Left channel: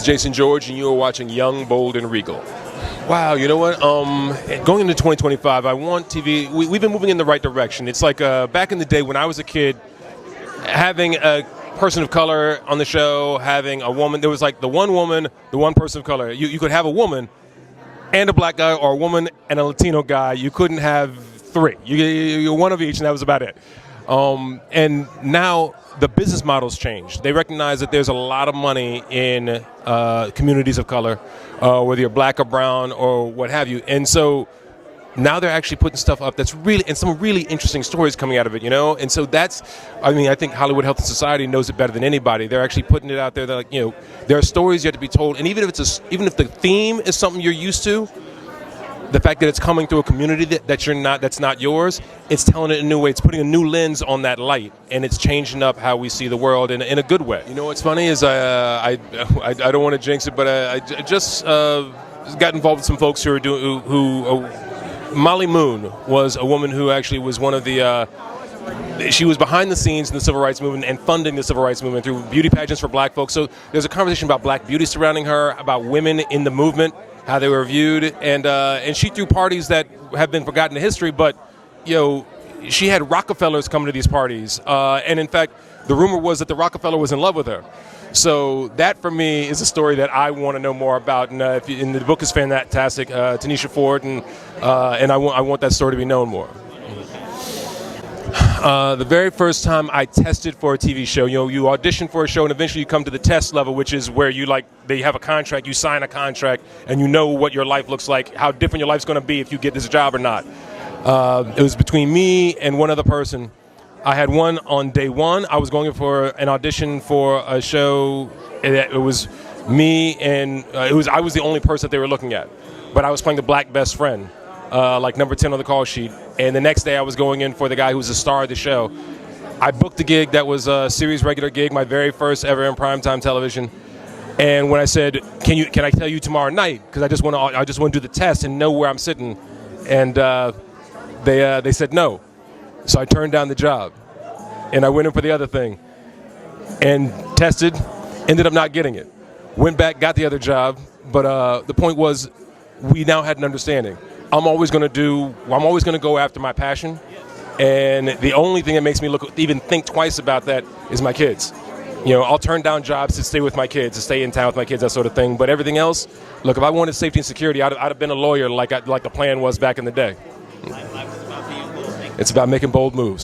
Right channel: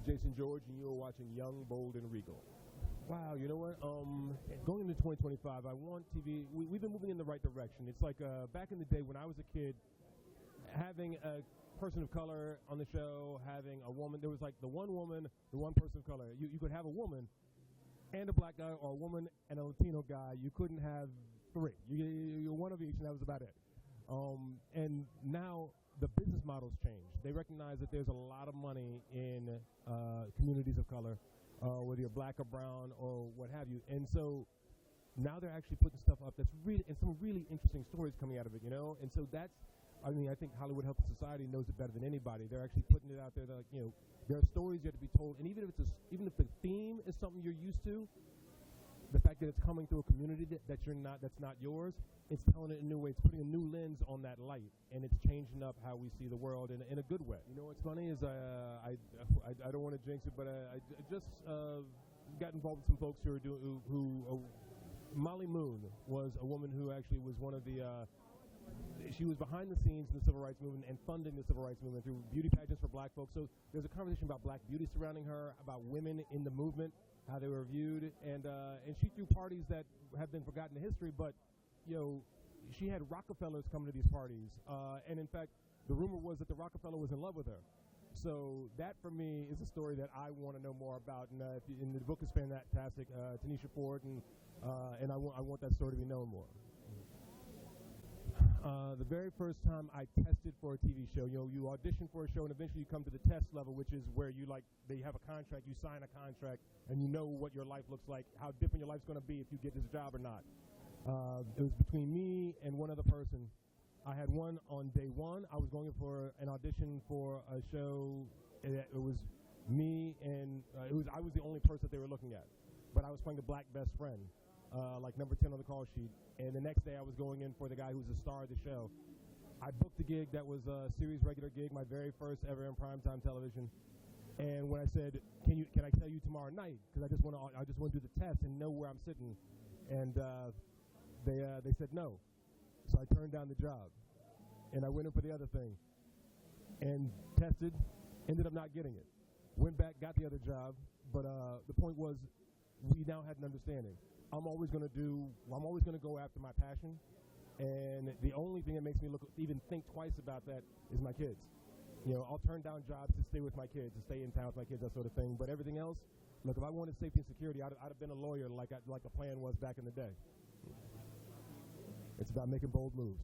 is Jason George, and you are watching Young, Bold, and Regal. Wow, you know what? Going into 2025, I want TV. We've been moving in the right direction. It's like back in the day when I was a kid, having a person of color on the show, having a woman. There was like the one woman, the one person of color. You could have a woman and a black guy, or a woman and a Latino guy. You couldn't have three. You're one of each, and that was about it. And now the business model's changed. They recognize that there's a lot of money in communities of color, whether you're black or brown or what have you. And so now they're actually putting stuff up that's really, and some really interesting stories coming out of it, you know? And so that's, I mean, I think Hollywood Health and Society knows it better than anybody. They're actually putting it out there. They're like, you know, there are stories yet to be told. And even if the theme is something you're used to, the fact that it's coming through a community that's not yours, it's telling it in a new way. It's putting a new lens on that light, and it's changing up how we see the world in a good way. You know what's funny is I don't want to jinx it, but I just got involved with some folks who are doing Molly Moon was a woman who actually was one of the she was behind the scenes in the civil rights movement and funding the civil rights movement through beauty pageants for black folks. So there's a conversation about black beauty surrounding her, about women in the movement, how they were viewed, and she threw parties that have been forgotten in history. But you know, she had Rockefellers coming to these parties, and in fact, the rumor was that the Rockefeller was in love with her. So that, for me, is a story that I want to know more about. And, and the book is fantastic, Tanisha Ford, and I want that story to be known more. The very first time I tested for a TV show, you know, you audition for a show and eventually you come to the test level, which is where they have a contract, you sign a contract, and you know what your life looks like, how different your life's going to be if you get this job or not. It was between me and one other person. I had one on day one. I was going for an audition for a show. It was me and I was the only person that they were looking at, but I was playing the black best friend. Like number 10 on the call sheet. And the next day I was going in for the guy who was the star of the show. I booked a gig that was a series regular gig, my very first ever in primetime television. And when I said, can I tell you tomorrow night? Because I just want to do the test and know where I'm sitting. And they said no. So I turned down the job. And I went in for the other thing. And tested, ended up not getting it. Went back, got the other job. But the point was, we now had an understanding. I'm always going to go after my passion, and the only thing that makes me even think twice about that is my kids. You know, I'll turn down jobs to stay with my kids, to stay in town with my kids, that sort of thing. But everything else, look, if I wanted safety and security, I'd have been a lawyer like the plan was back in the day. It's about making bold moves.